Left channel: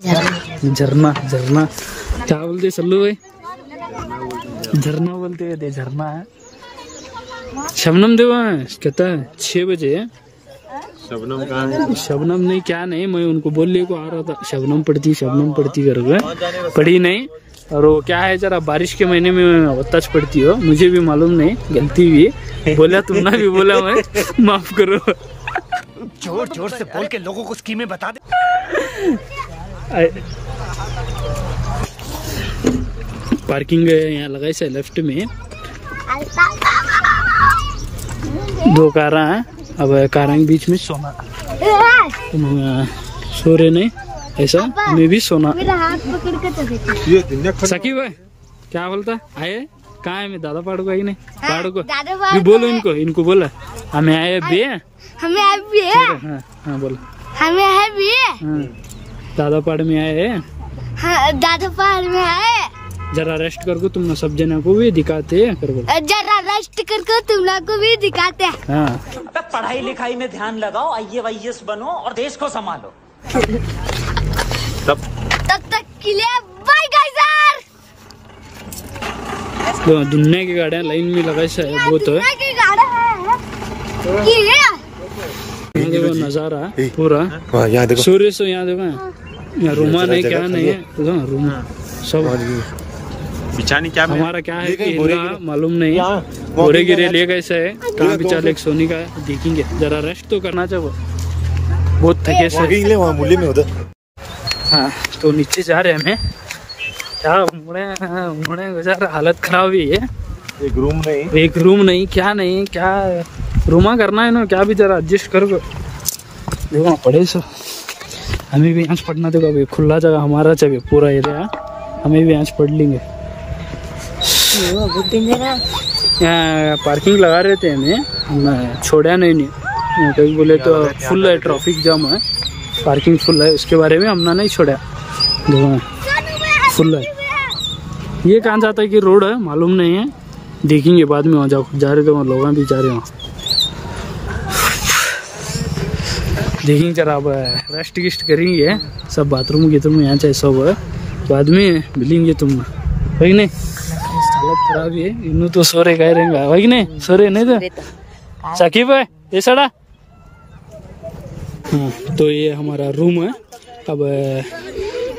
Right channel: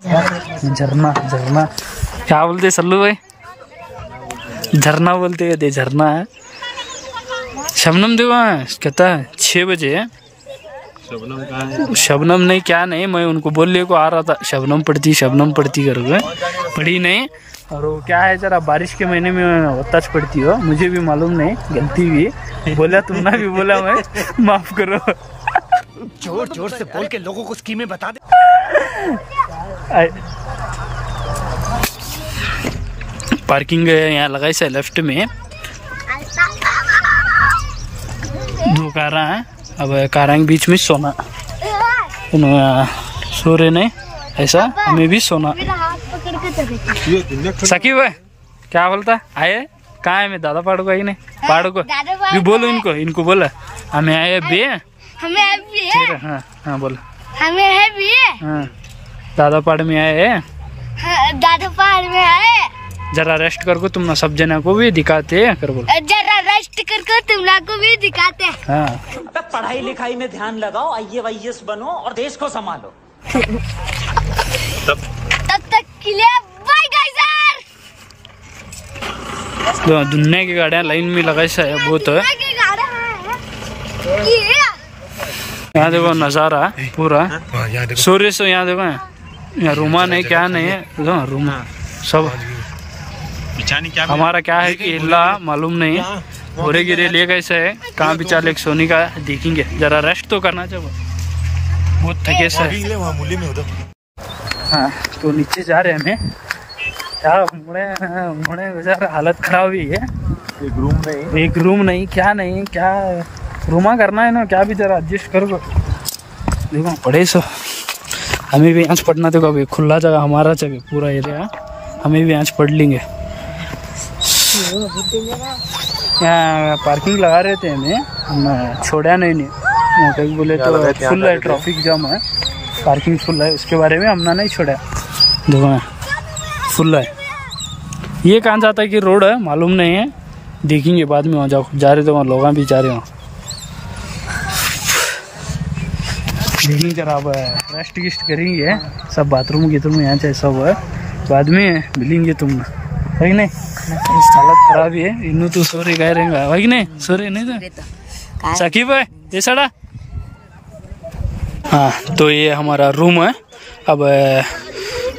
झरना झरना क्या बोलते सल्लू भाई? झरना बोलते हैं, झरना है। शबनम देखो कहता है 6 बजे। शबनम कहाँ है? शबनम नहीं, क्या नहीं, मैं उनको बोलने को आ रहा था शबनम पढ़ती करोगे, पढ़ी नहीं। और वो क्या है, जरा बारिश के महीने में होताच पड़ती हो, मुझे भी मालूम नहीं, गलती भी बोला, तुमने भी बोला, मैं माफ करो। जोर जोर से बोल के लोगों को स्कीमें बता दे। पार्किंग यहाँ लगाई से लेफ्ट में 2 कारा हैं। अब कारा के बीच में सोना, सो रहे नहीं ऐसा, हमें भी सोना। सकीब है क्या बोलता आए, कहाँ है? मैं दादा पाड़ो का ही नहीं, पाड़ो को भी बोलो, इनको बोला हमें आए बे, हमें अभी है। हाँ बोला हमें है भी। हाँ दादा पाड़ में आए हैं। हाँ, दादा पहाड़ में आए। जरा रेस्ट करको तुम ना, सब जना को भी दिखाते हैं कर बोलो। जरा रेस्ट करको तुम लोग को भी दिखाते हैं। हाँ पढ़ाई लिखाई में ध्यान लगाओ, IAS बनो और देश को संभालो। तब तक के लिए बाय गाइस। दुनिया की गाड़ियाँ लाइन में लगाई से बहुत है। यहाँ देखो नजारा पूरा सूर्य से, यहाँ देखो यहाँ रूमा नहीं, क्या नहीं है रूमा सब। क्या हमारा क्या है कि हिला मालूम नहीं, गोरे गिरे ले गए से कहाँ बिचा ले सोनी का देखेंगे। जरा रेस्ट तो करना चाहिए, बहुत थके से। हाँ तो नीचे जा रहे हैं हमें, क्या मुड़े गुजार हालत खराब हुई है। एक रूम नहीं, क्या नहीं, क्या रूमा करना है ना, क्या भी जरा एडजस्ट करो, देखो पढ़े सो। हमें भी यहाँ पढ़ना, देखो अभी खुला जगह हमारा चाहिए पूरा एरिया, हमें भी यहाँ पढ़ लेंगे। यहाँ पार्किंग लगा रहे थे हमें, हम छोड़ा नहीं यहाँ कहीं बोले तो फुल है, ट्रैफिक जाम है, पार्किंग फुल है, उसके बारे में हमने नहीं छोड़ा। देखो फुल है, ये कहाँ जाता है कि रोड है मालूम नहीं है, देखेंगे बाद में। वहाँ जाओ जा रहे तो वहाँ लोग भी जा रहे हो, देखेंगे जरा। अब रेस्ट गिस्ट करेंगे, सब बाथरूम गिथरूम यहाँ चाहे सब है, बाद में मिलेंगे तुम भाई। नहीं हालत खराब ही है, इन्हों तो सो रहे गए रहेंगे भाई, नहीं सो रहे नहीं तो साकिब है ये सड़ा। हाँ तो ये हमारा रूम है। अब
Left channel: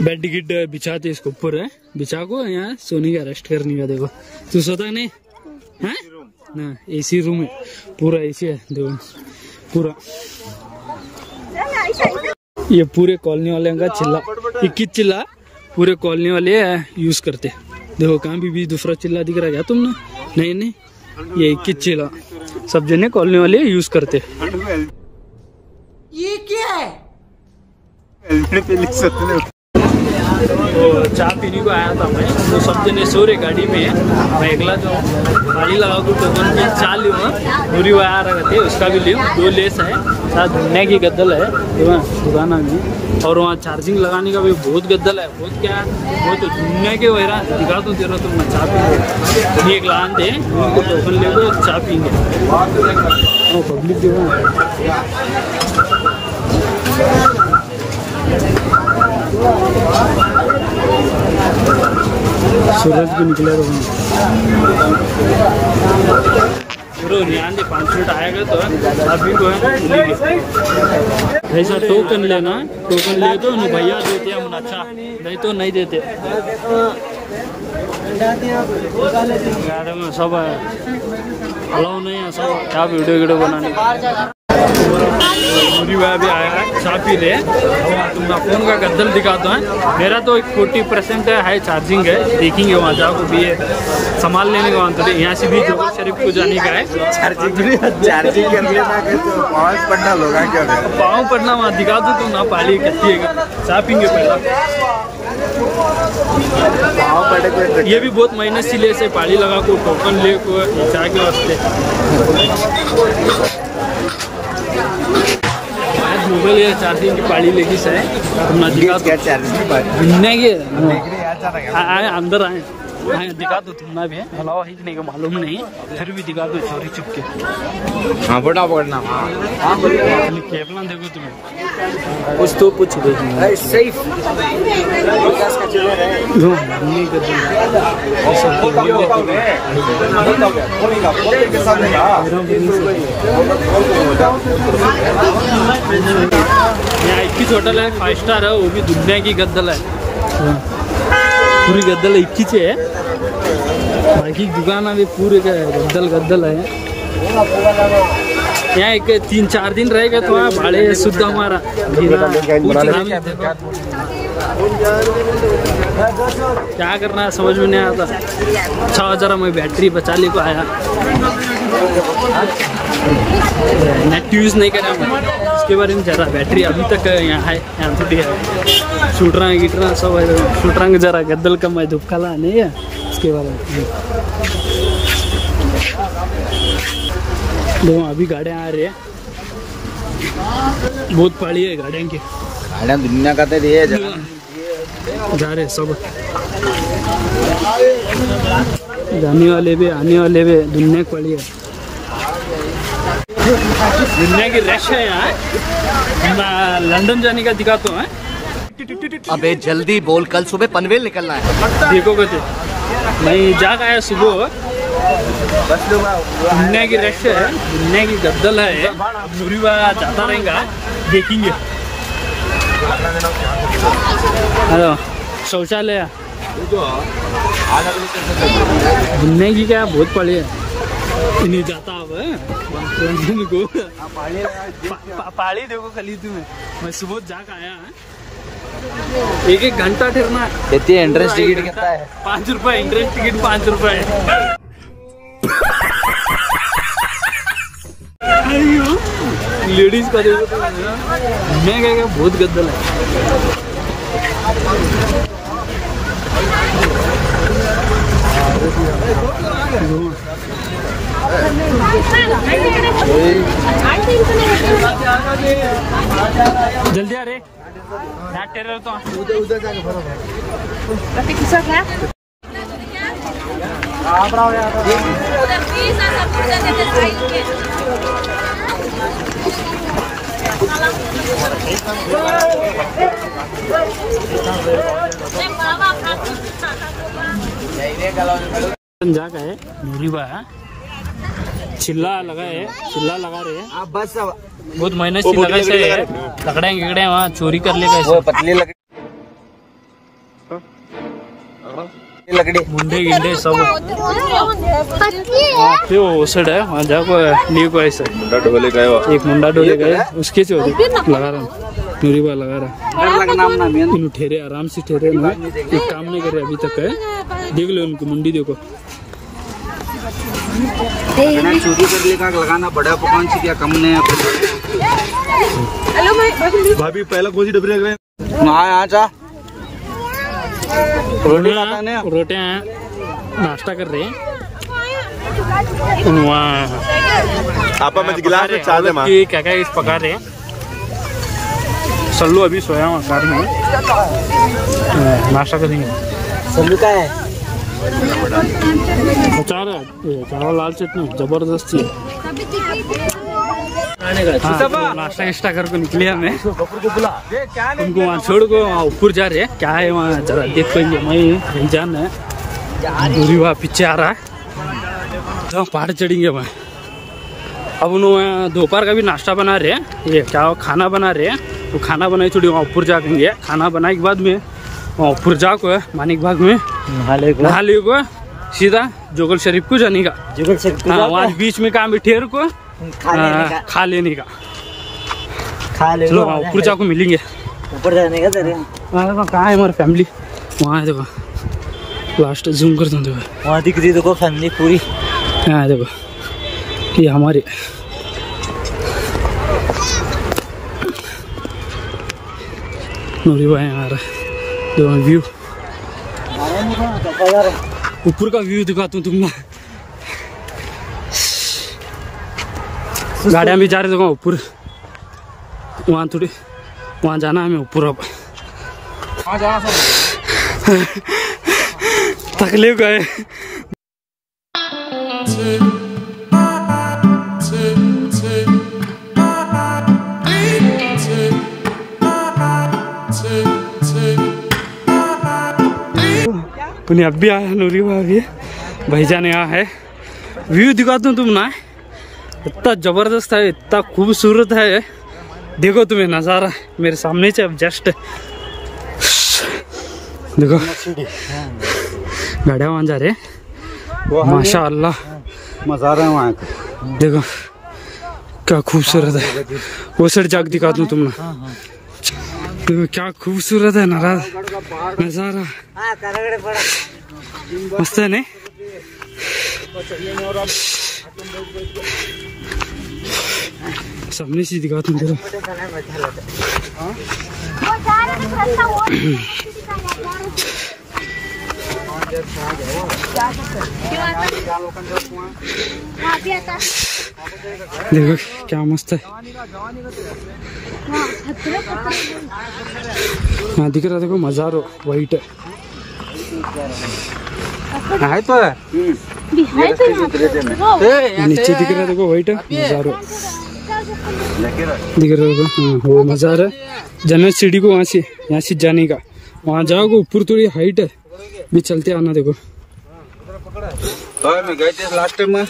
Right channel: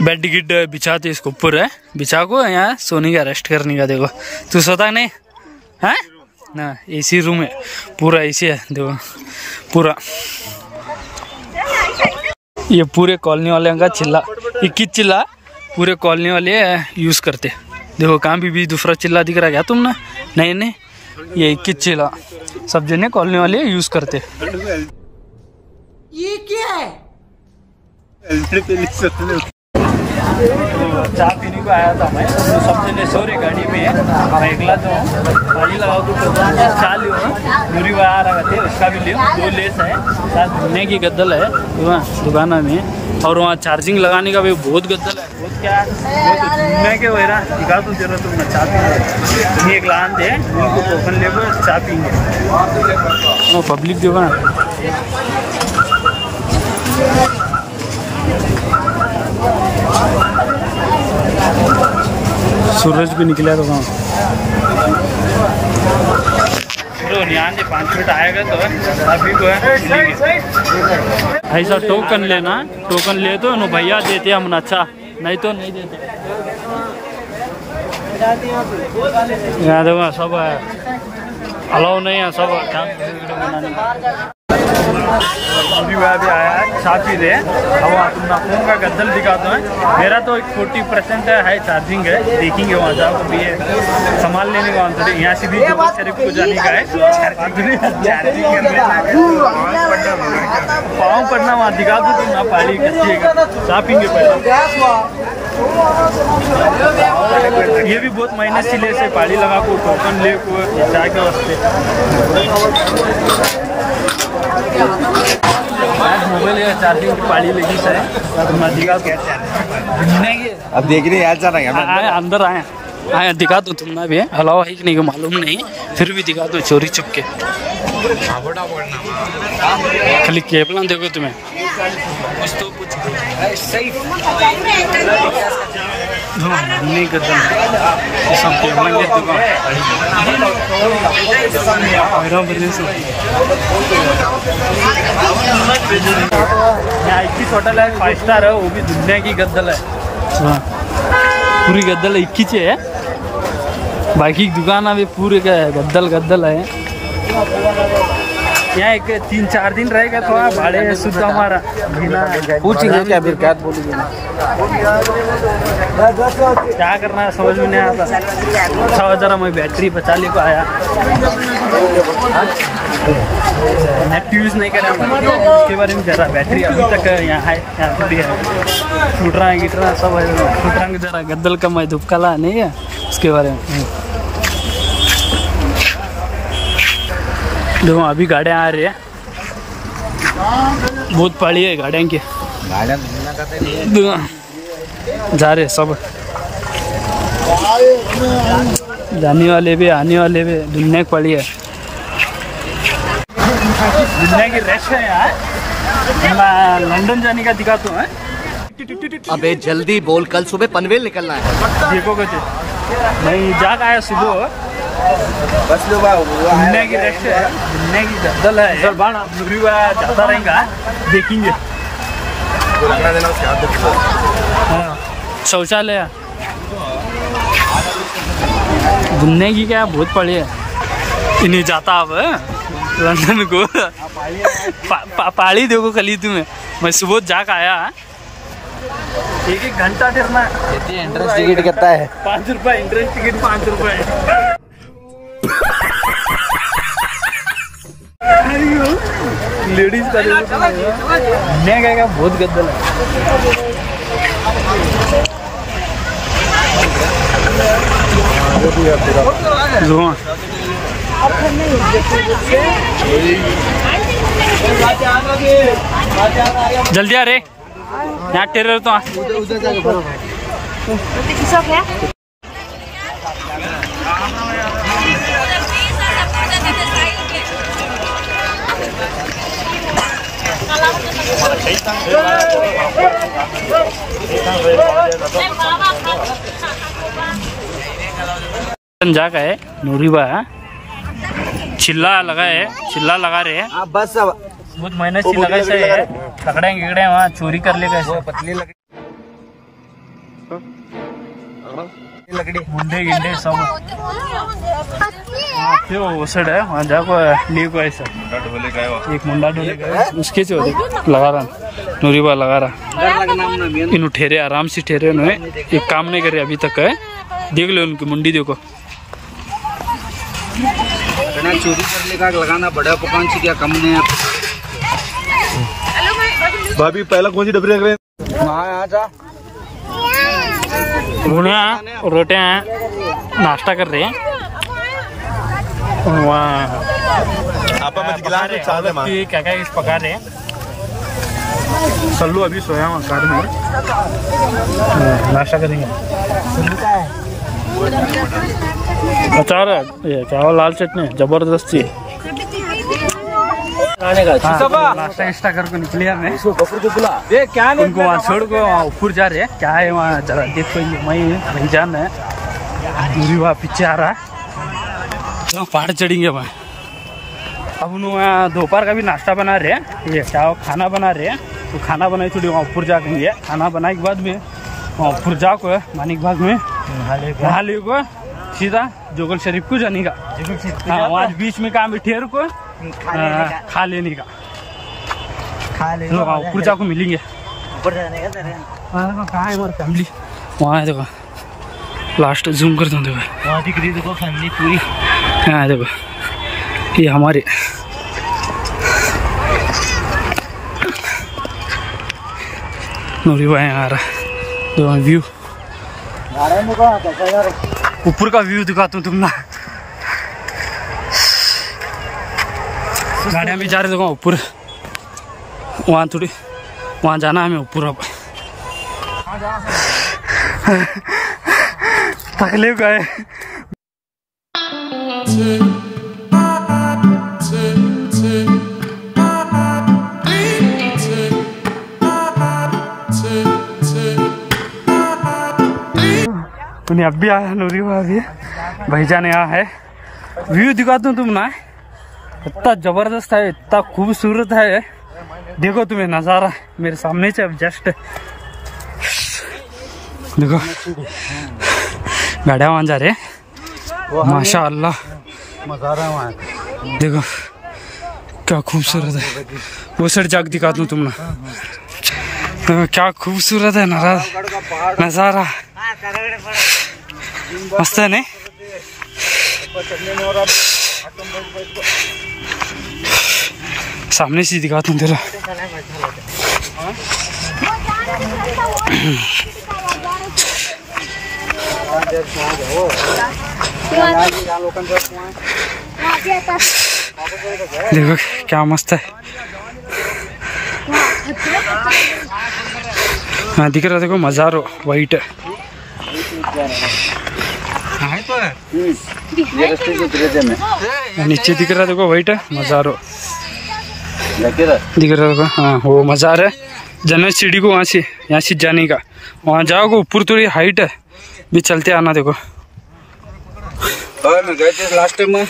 बेड गिड बिछाते इसको ऊपर है, बिछा को यहाँ सोने का रेस्ट करने का। देखो तू सोता नहीं है ना, एसी रूम है पूरा, एसी है देखो पूरा। ये पूरे कॉलोनी वाले का चिल्ला, 21 चिल्ला पूरे कॉलोनी वाले यूज करते। देखो कहाँ भी दूसरा चिल्ला दिख रहा है क्या तुमने? नहीं ये 21 चिल्ला सब जने कॉलोनी वाले यूज करते। ये क्या है? तो चाय पीने को आया था मैं, तो सब जने सो रहे गाड़ी में, मैं अकेला जो हूँ पानी लगा को टोकन की चाय लियो, दूरी आ रहा थे उसका भी लियो। 2 लेस है, साथ धुलने की गद्दल है दुकाना में, और वहाँ चार्जिंग लगाने का भी बहुत गद्दल है, बहुत क्या बहुत धुलने के वगैरह दिखा दूँ तेरा, तुम ना चाय पी लो। एक लान थे उनको टोकन लेकर चाय पीएंगे, वो पब्लिक देखो ना। सूरज भी निकला तो कहाँ ध्यान दे, 5 मिनट आएगा तो अभी को है मिलेंगे। ऐसा टोकन लेना, टोकन ले तो नो भैया देते हम, अच्छा नहीं तो नहीं देते। यहाँ देखो सब अलाउ नहीं है, सब क्या वीडियो बनाने। पूरी वह भी आया है, चाय पी रहे हैं। अब वहाँ तुम फोन का गद्दल दिखा दो है, मेरा तो 40% है चार्जिंग है, देखेंगे वहाँ जाओ भी सामान लेने का। थोड़े यहाँ से भी जोहर शरीफ को जाने का है, पाँव पड़ना वहाँ दिखा दो तुम ना, पाली कैसी है, चाय पीएंगे पहला। ये भी बहुत मेहनत से ले से पाली लगा को टोकन ले को ये चाय के वास्ते। आज मोबाइल या चार्जिंग की पाली लगी से तुम दिखा दो, अब देख रहे आए अंदर आए दिखा दो तुम ना भी है, अलावा है कि नहीं मालूम नहीं, फिर भी दिखा दो चोरी चुप के। खाली केपला देखो तुम्हें कुछ तो कुछ नहीं करता सब यहाँ 21 होटल है, 5 स्टार है, वो भी दुनिया की गद्दल है। पूरी गद्दल 21 है, बाकी दुकान अभी पूरे का गद्दल है। यहाँ एक 3-4 दिन रहेगा तो भाड़े शुद्ध हमारा जीना क्या करना है समझ में नहीं आता। अच्छा जरा मैं बैटरी बचा ले को आया, नेट यूज़ नहीं करा मैं, इसके बारे में जरा बैटरी अभी तक यहाँ है, यहाँ थोड़ी है। शूटरा गिटरा सब है, शूटरा जरा गद्दल का मैं धुपकाला नहीं है इसके बारे में। देखो अभी गाड़ियाँ आ रही है, बहुत पड़ी है गाड़ियाँ की, गाड़ियाँ दुनिया का जा रहे सब, जाने वाले भी आने वाले भी, दुनिया की पड़ी है, दुनिया की रश है यहाँ। मैं लंदन जाने का दिखाता हूँ। अबे जल्दी बोल, कल सुबह पनवेल निकलना है। देखो कहते मैं जाग आया सुबह, दुनिया की रश है, दुनिया की गद्दल है, नूरीवा जाता रहेगा, देखेंगे। शौचालय दुनिया की क्या बहुत पड़ी है, इन्हें जाता अब लंदन को पाड़ी देखो खली तुम्हें। मैं सुबह जाकर आया, 1-1 घंटा ठहरना है। एंट्रेंस टिकट कितना है? 5 रुपए एंट्रेंस टिकट, 5 रुपए। लेडीज का देखो तो मैं क्या बहुत गद्दल है। जल्दी आ रे, यहाँ टेरर तो जाका है नूरीबा चिल्ला लगा है, चिल्ला लगा रहे हैं बस बहुत मेहनत से लगा से लकड़े गिकड़े वहाँ चोरी कर लेगा ऐसे। पतली लकड़ी मुंडे गिंडे सब वहाँ पे ओसड है, वहाँ जाको लिए को ऐसा एक मुंडा डोले गए उसके से लगा रहा नूरीबा लगा रहा। इन ठहरे आराम से ठहरे, उन्होंने एक काम नहीं करे अभी तक है। देख लो उनकी मुंडी देखो, चोरी कर लेगा लगाना बड़ा पकवान से क्या कम नहीं। भाभी पहला कौन सी डबरी लग रहे हैं? रोटियां नाश्ता कर रहे हैं वहाँ, क्या क्या पका रहे हैं। सल्लू अभी सोया हुआ कार में, नाश्ता करेंगे। सल्लू का है अचार है, क्या लाल चटनी जबरदस्ती। नाश्ता इस्टा करके निकले हमें, उनको वहाँ छोड़ को वहाँ ऊपर जा रहे हैं। क्या है वहाँ जरा देख पाएंगे, मैं भाईजान है दूरी वहाँ पीछे आ रहा है, तो पहाड़ चढ़ेंगे वहाँ। अब वहाँ दोपहर का भी नाश्ता बना रहे हैं, ये क्या खाना बना रहे हैं, तो खाना बनाई थोड़ी वहाँ ऊपर जाएंगे। खाना बनाने के बाद में वहाँ ऊपर जाको मानिक बाग में नहा ले को सीधा जोगल शरीफ को जाने का। हाँ वहाँ बीच में काम ठेर को खा लेने का। चलो वहाँ ऊपर जाको मिलेंगे। ऊपर जाने का कहाँ है हमारी फैमिली, वहाँ है देखो, लास्ट जूम कर दूँ देखो, वहाँ दिख रही देखो फैमिली पूरी। हाँ देखो ये हमारे नूरीबा आ रहा है, देखो व्यू, ऊपर का व्यू दिखाता हूँ तुमने। गाड़ियाँ भी जा रहे देखो ऊपर, वहाँ थोड़ी वहाँ जाना हमें ऊपर। अब तकलीफ गए उन्हें अब भी आया नूरी भाभी भाईजान यहाँ है। व्यू दिखाता हूँ तुम ना, इतना जबरदस्त है, इतना खूबसूरत है। देखो तुम्हें नज़ारा मेरे सामने से अब जस्ट देखो गाड़ियाँ वहाँ जा रहे माशाअल्लाह। देखो क्या खूबसूरत है, वो साइड जाके दिखा दूँ तुम ना। देखो क्या खूबसूरत है नज़ारा, मस्त है नहीं? सामने से दिखाता हूँ तेरा। देखो क्या मस्त है, हाँ दिख रहा देखो मज़ारो वाइट है तो नीचे दिख रहा देखो वाइट है मज़ारो दिख रहा होगा। हाँ वो मज़ार है, जन्नत सीढ़ी को वहाँ से यहाँ से जाने का, वहाँ जाओगे ऊपर थोड़ी हाइट है भी, चलते आना। देखो मैं गए थे लास्ट टाइम में,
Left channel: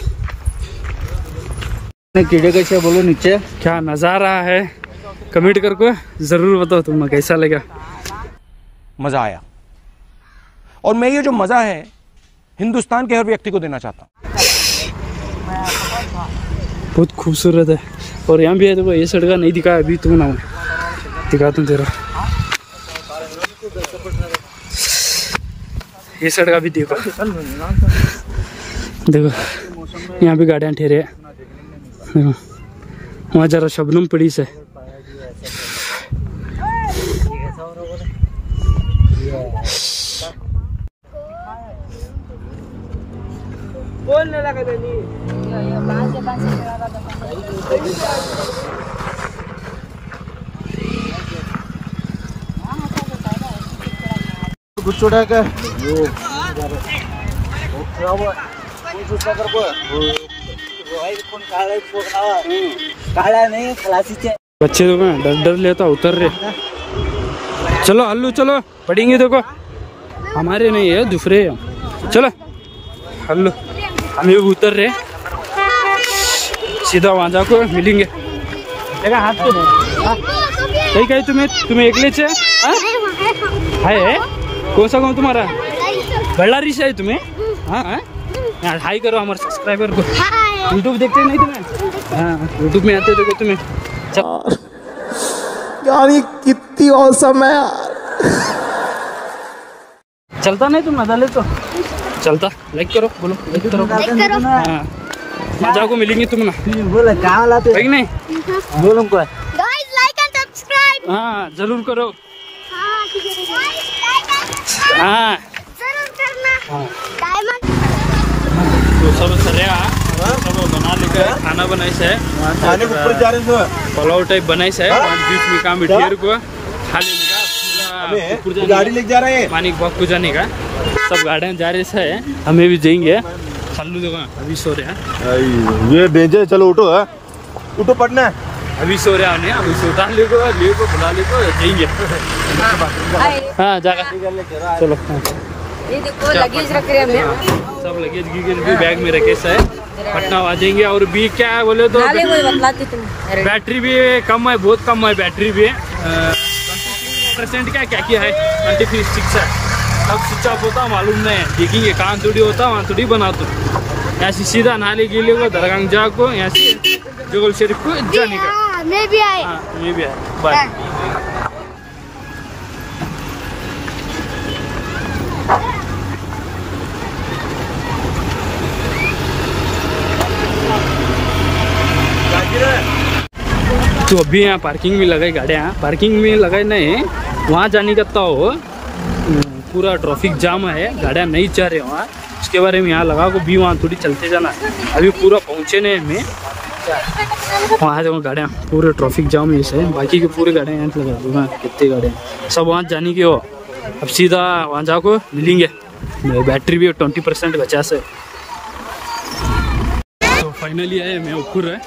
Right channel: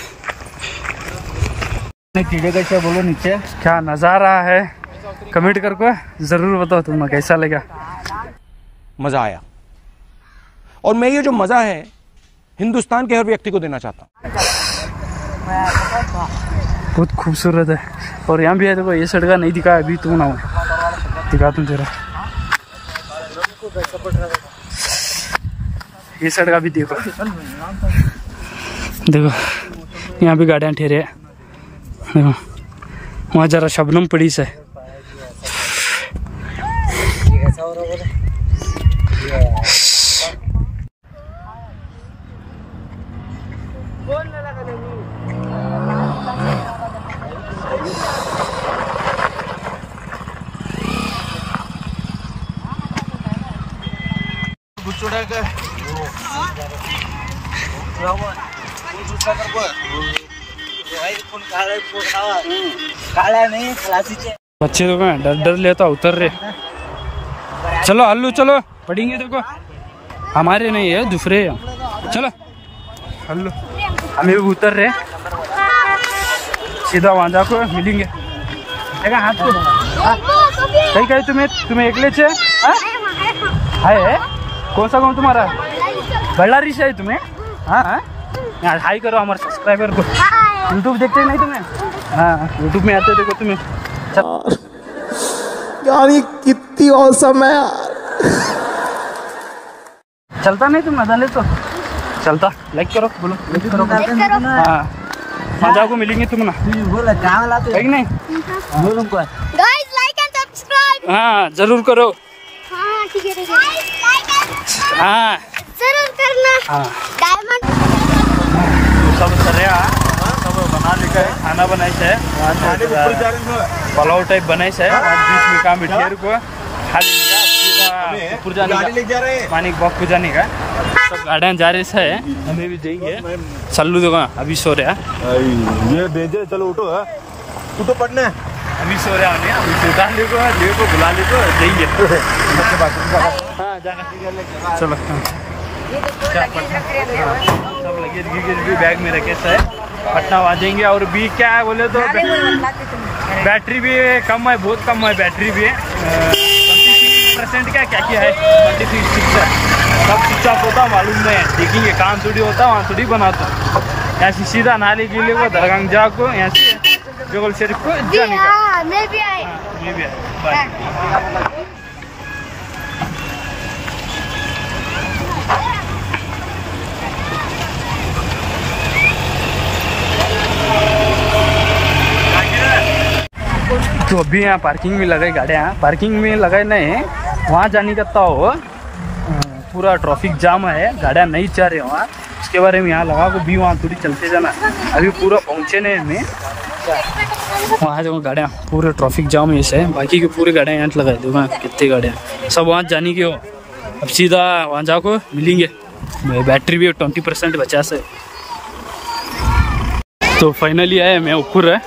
कीड़े कैसे बोलो नीचे क्या नज़ारा है, कमेंट करके ज़रूर बताओ तुम्हें कैसा लगा। मज़ा आया, और मैं ये जो मज़ा है हिंदुस्तान के हर व्यक्ति को देना चाहता हूँ। बहुत खूबसूरत है। और यहाँ भी है देखो, ये साइड का नहीं दिखा अभी, तुम ना दिखाता हूँ तेरा। ये साइड का भी देखो, देखो यहाँ भी गाड़ियाँ ठहरे हैं। देखो वहाँ जरा शबनम पड़ी से, बच्चे तो मैं डर डर लेता उतर रहे। चलो हल्लू चलो, पढ़ेंगे देखो, हमारे नहीं है दूसरे हैं। चलो हल्लू, हमें भी उतर रहे, सीधा वहाँ जाकर मिलेंगे। देखा हाथ पे कहीं कहीं तुम्हें अकेले से है? कौन सा गाँव तुम्हारा? बल्लारी से है तुम्हें? हाँ यार हाई करो हमारे सब्सक्राइबर को। यूट्यूब देखते नहीं तुम्हें? हाँ यूट्यूब में आते देखो तुम्हें। यार ये कितनी औसम है यार। चलता नहीं तुम नज़ा ले तो चलता। लाइक करो, बोलो लाइक करो। हाँ मजा को मिलेंगे तुम ना, है कि नहीं? गाइस लाइक एंड सब्सक्राइब हाँ जरूर करो। हाँ जरूर करना। हाँ डायमंड तो सब सरिया सब बना लेकर खाना बनाई से, वहाँ से पुलाव टाइप बनाई से, वहाँ बीच में काम बिठेर को खा लेने का, पूरा ऊपर जाने का, मानिक बाग को जाने का। सब गाड़ियाँ जा रहे से, हमें भी जाएंगे। चल्लू देखो अभी सो रहा, ये डेंजर। चलो उठो, उठो पढ़ना। अभी सो रहा है, अभी सुधा ले को बुला ले को जाएंगे। हाँ जाकर चलो। क्या हाँ सब लगेज भी बैग में रखे से पटना आ जाएंगे। और भी क्या है बोले तो बैटरी भी कम है, बहुत कम है बैटरी भी। 26% क्या है, 26 है। कब स्विच ऑफ होता मालूम नहीं है, देखेंगे। काम थोड़ी होता वहाँ थोड़ी बनाता। यहाँ से सीधा नाले के लिए को दरगाह जा को, यहाँ से जोगल शरीफ को जाने का। मैं भी आई। हाँ मैं भी आई, बाय। तो अभी यहाँ पार्किंग में लगाई गाड़ियाँ, पार्किंग में लगाए नहीं, वहाँ जाने का तो पूरा ट्रैफिक जाम है, गाड़ियाँ नहीं जा रहे वहाँ। उसके बारे में यहाँ लगा को भी वहाँ थोड़ी चलते जाना, अभी पूरा पहुँचे नहीं हमें। वहाँ देखो गाड़ियाँ पूरे ट्रैफिक जाम ऐसे है, बाकी के पूरे गाड़ियाँ यहाँ लगाए दो। वहाँ कितने गाड़ियाँ सब वहाँ जाने की हो। अब सीधा वहाँ जाको मिलेंगे। बैटरी भी 20% बचा से। तो फाइनली आए मैं ऊपर है,